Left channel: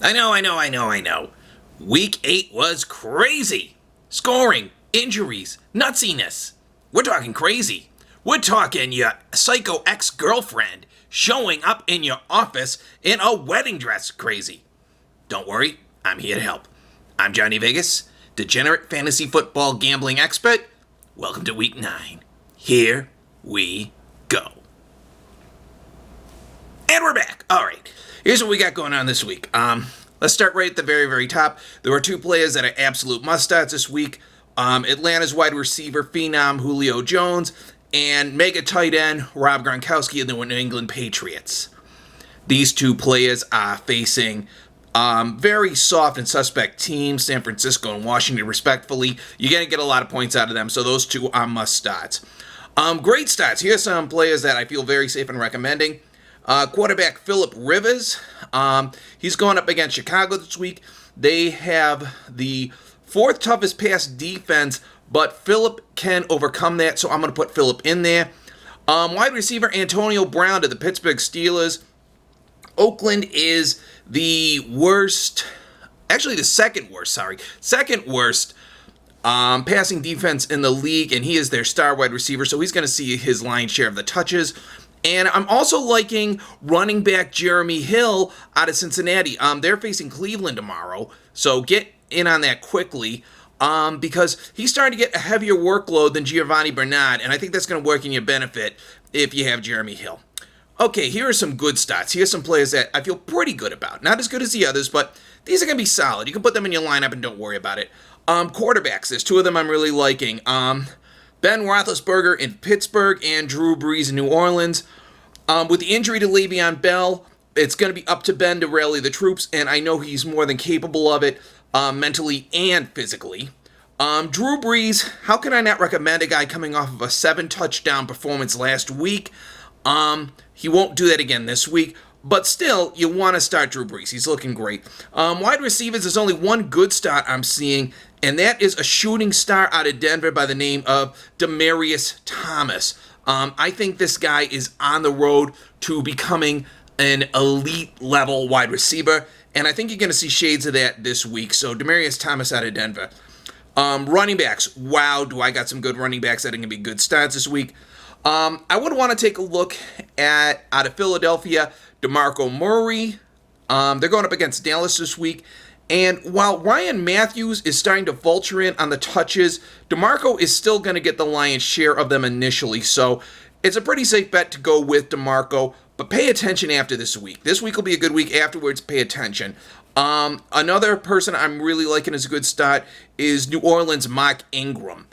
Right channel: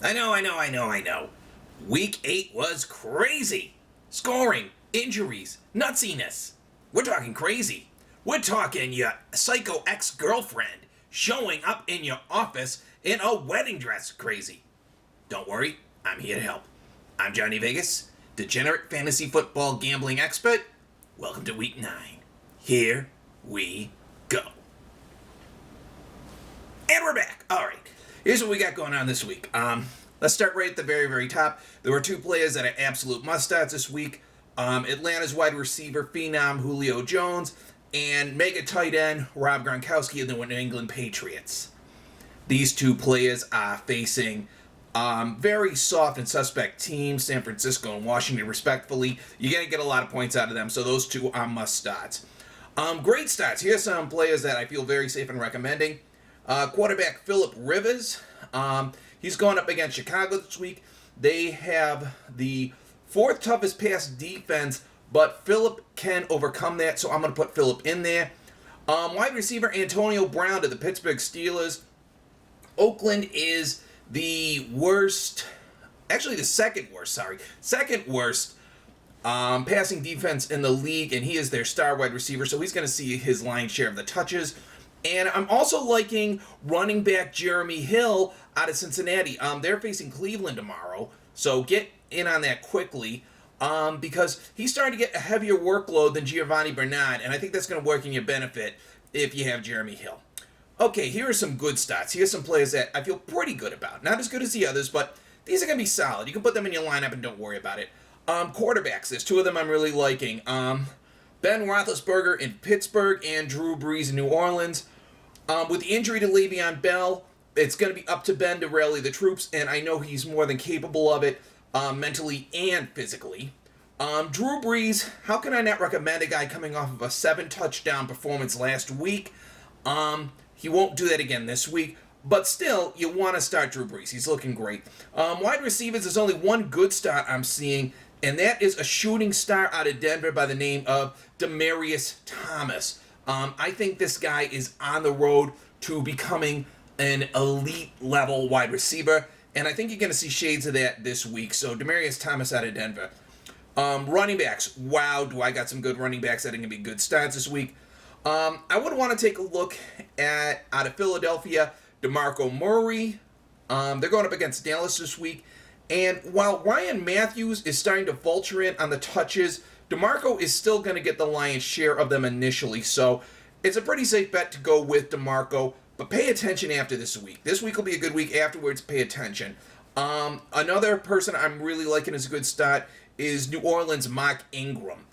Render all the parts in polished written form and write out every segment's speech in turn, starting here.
I know. Week 8 was crazy. Scoring, injuries, nutsiness. We're talking crazy. We're talking your psycho ex-girlfriend showing up in your office in a wedding dress crazy. Don't worry, I'm here to help. I'm Jonny Vegas, degenerate fantasy football gambling expert. Welcome to Week 9. Here we go. And we're back. All right. Here's what we got going on this week. Let's start right at the very, very top. There were two players that are absolute must-starts this week. Atlanta's wide receiver phenom Julio Jones and mega tight end Rob Gronkowski of the New England Patriots. These two players are facing very soft and suspect teams, San Francisco and Washington, respectfully. You're going to get a lot of points out of them, so those two are must-starts. Great starts. Here's some players that I feel very safe in recommending. Quarterback Phillip Rivers, he's going up against Chicago this week. They have the fourth toughest pass defense, but Phillip can overcome that, so I'm going to put Phillip in there. Wide receiver Antonio Brown to the Pittsburgh Steelers. Oakland is the worst, actually the second worst passing defense in the league, and he is their star wide receiver, so he's going to see his lion's share of the touches. And I'm also liking running back Jeremy Hill out of Cincinnati. They're facing Cleveland tomorrow, so get in on that quickly because he's starting to get a heavier workload than Giovanni Bernard, and I think that's going to work in your benefit if you have Jeremy Hill. Okay, here are some good stats. Here's some players that I feel pretty good about. Not as good as the others, but these are going to be solid. You can put them in your lineup and don't worry about it. Quarterbacks, there's two of them I'm really liking. Ben Roethlisberger in Pittsburgh and Drew Brees in New Orleans. With the injury to Le'Veon Bell, it's going to be up to Ben to rally the troops, and I know he's more than capable of it mentally and physically. Drew Brees, how can I not recommend a guy coming off of a 7-touchdown performance last week? He won't do that again this week, but still, you want to start Drew Brees. He's looking great. Wide receivers, there's only one good start I'm seeing, and that is a shooting star out of Denver by the name of Demaryius Thomas. I think this guy is on the road to becoming an elite-level wide receiver, and I think you're going to see shades of that this week. So Demaryius Thomas out of Denver. Running backs. Wow, do I got some good running backs that are going to be good starts this week. I would want to take a look at, out of Philadelphia, DeMarco Murray. They're going up against Dallas this week. And while Ryan Matthews is starting to vulture in on the touches, DeMarco is still going to get the lion's share of them initially. So it's a pretty safe bet to go with DeMarco, but pay attention after this week. This week will be a good week. Afterwards, pay attention. Another person I'm really liking as a good start is New Orleans' Mark Ingram.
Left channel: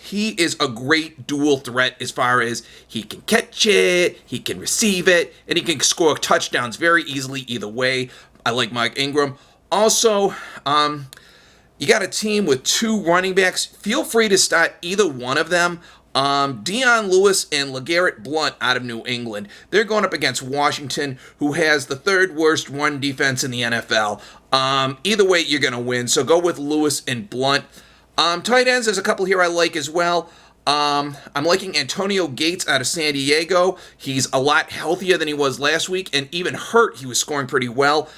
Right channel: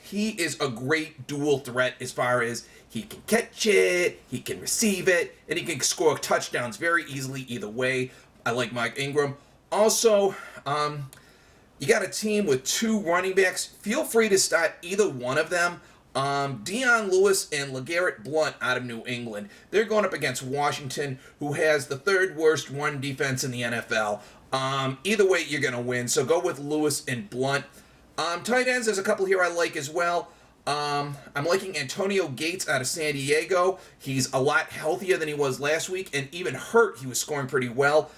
He is a great dual threat as far as he can catch it, he can receive it, and he can score touchdowns very easily either way. I like Mark Ingram. Also, you got a team with two running backs. Feel free to start either one of them. Dion Lewis and LeGarrette Blount out of New England. They're going up against Washington, who has the third worst run defense in the NFL. Either way, you're going to win. So go with Lewis and Blount. Tight ends, there's a couple here I like as well. I'm liking Antonio Gates out of San Diego. He's a lot healthier than he was last week, and even hurt, he was scoring pretty well.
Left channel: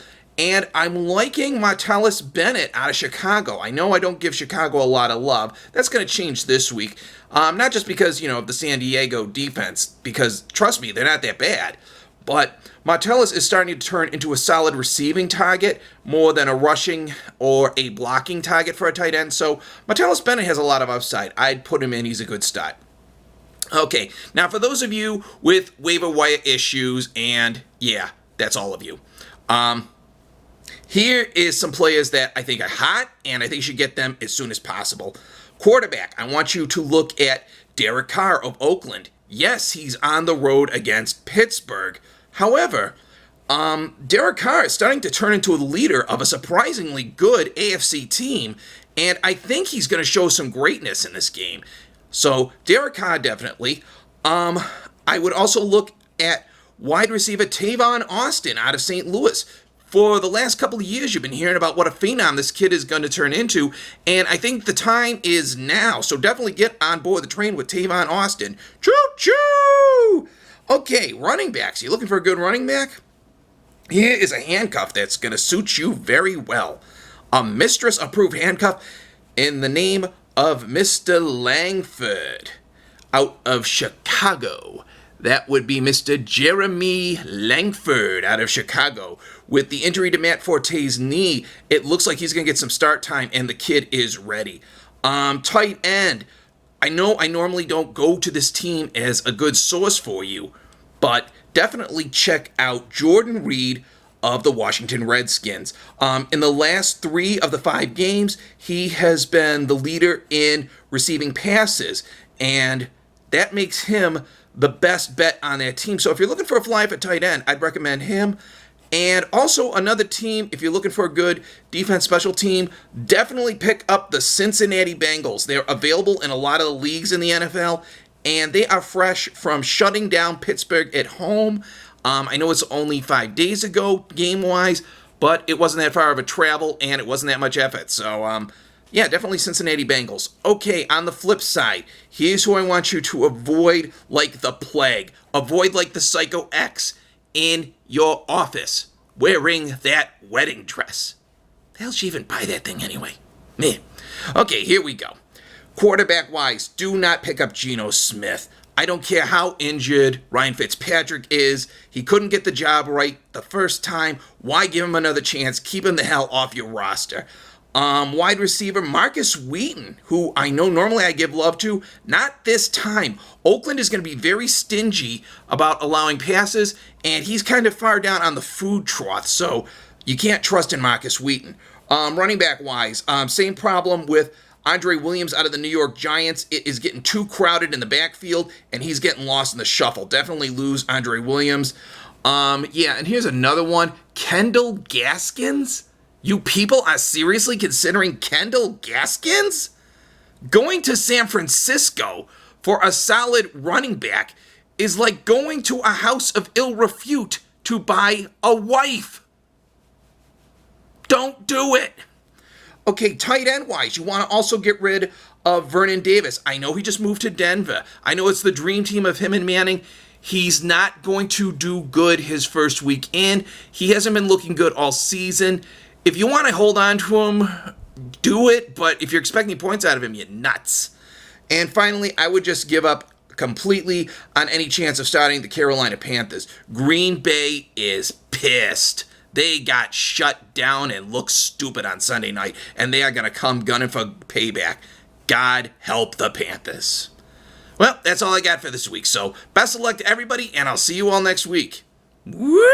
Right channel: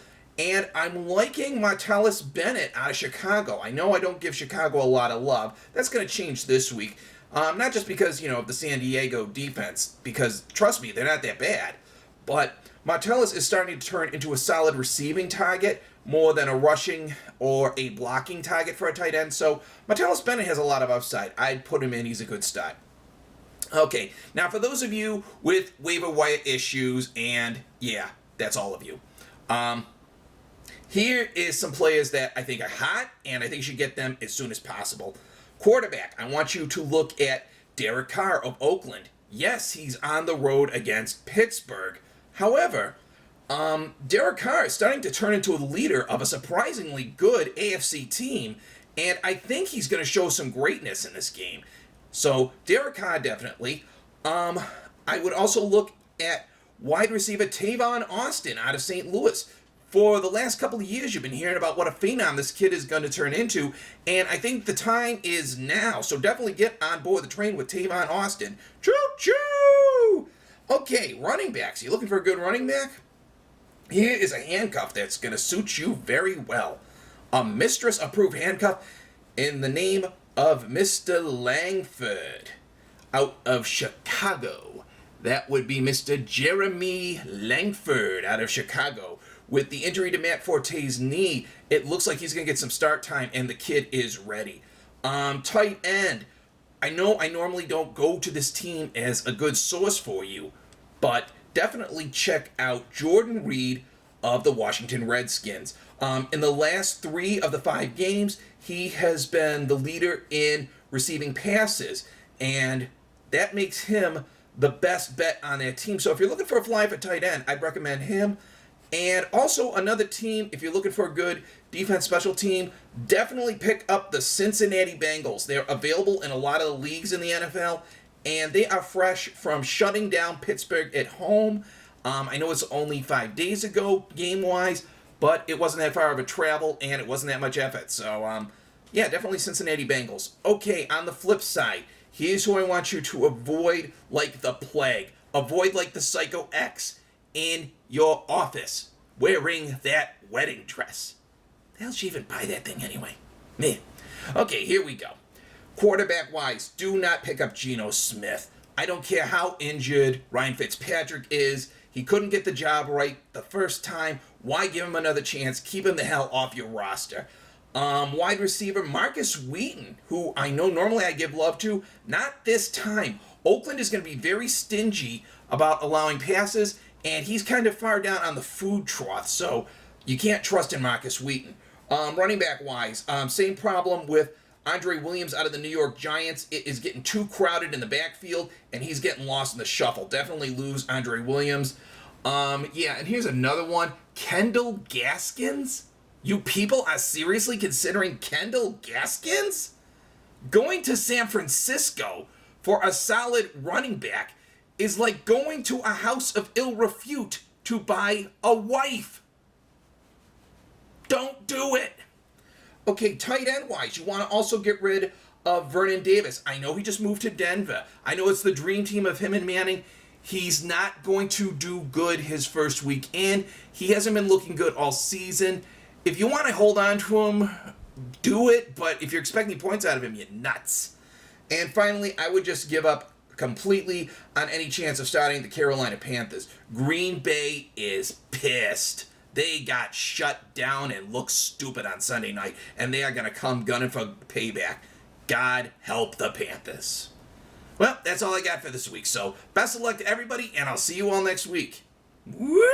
And I'm liking Martellus Bennett out of Chicago. I know I don't give Chicago a lot of love. That's going to change this week. Not just because, of the San Diego defense, because, trust me, they're not that bad. But Martellus is starting to turn into a solid receiving target more than a rushing or a blocking target for a tight end. So Martellus Bennett has a lot of upside. I'd put him in. He's a good start. Okay, now for those of you with waiver wire issues, and yeah, that's all of you. Here is some players that I think are hot, and I think you should get them as soon as possible. Quarterback, I want you to look at Derek Carr of Oakland. Yes, he's on the road against Pittsburgh. However, Derek Carr is starting to turn into a leader of a surprisingly good AFC team, and I think he's going to show some greatness in this game. So, Derek Carr, definitely. I would also look at wide receiver Tavon Austin out of St. Louis. For the last couple of years, you've been hearing about what a phenom this kid is going to turn into, and I think the time is now. So definitely get on board the train with Tavon Austin. Choo-choo! Okay, running backs. You looking for a good running back? Here is a handcuff that's going to suit you very well. A mistress-approved handcuff in the name of Mr. Langford out of Chicago. That would be Mr. Jeremy Langford out of Chicago. With the injury to Matt Forte's knee, it looks like he's going to get some start time, and the kid is ready. Tight end. I know I normally don't go to this team as a good source for you, but definitely check out Jordan Reed of the Washington Redskins. In the last 3 of the 5 games, he has been the leader in receiving passes, and that makes him the best bet on that team. So if you're looking for a fly for tight end, I'd recommend him. And also another team, if you're looking for a good defense special team, definitely pick up the Cincinnati Bengals. They're available in a lot of the leagues in the NFL, and they are fresh from shutting down Pittsburgh at home. I know it's only 5 days ago, game-wise, but it wasn't that far of a travel, and it wasn't that much effort. So, yeah, definitely Cincinnati Bengals. Okay, on the flip side, here's who I want you to avoid like the plague. Avoid like the Psycho X in your office wearing that wedding dress. The hell she even buy that thing anyway? Man. Okay, here we go. Quarterback-wise, do not pick up Geno Smith. I don't care how injured Ryan Fitzpatrick is. He couldn't get the job right the first time. Why give him another chance? Keep him the hell off your roster. Wide receiver Marcus Wheaton, who I know normally I give love to, not this time. Oakland is going to be very stingy about allowing passes, and he's kind of far down on the food trough, so you can't trust in Marcus Wheaton. Running back wise, same problem with Andre Williams out of the New York Giants. It is getting too crowded in the backfield, and he's getting lost in the shuffle. Definitely lose Andre Williams. Yeah, and here's another one. Kendall Gaskins? You people are seriously considering Kendall Gaskins? Going to San Francisco for a solid running back is like going to a house of ill repute to buy a wife. Don't do it. Okay, tight end wise, you want to also get rid of Vernon Davis. I know he just moved to Denver. I know it's the dream team of him and Manning. He's not going to do good his first week in. He hasn't been looking good all season. If you want to hold on to him, do it. But if you're expecting points out of him, you're nuts. And finally, I would just give up completely on any chance of starting the Carolina Panthers. Green Bay is pissed. They got shut down and looked stupid on Sunday night, and they are going to come gunning for payback. God help the Panthers. Well, that's all I got for this week, so best of luck to everybody, and I'll see you all next week. Woo!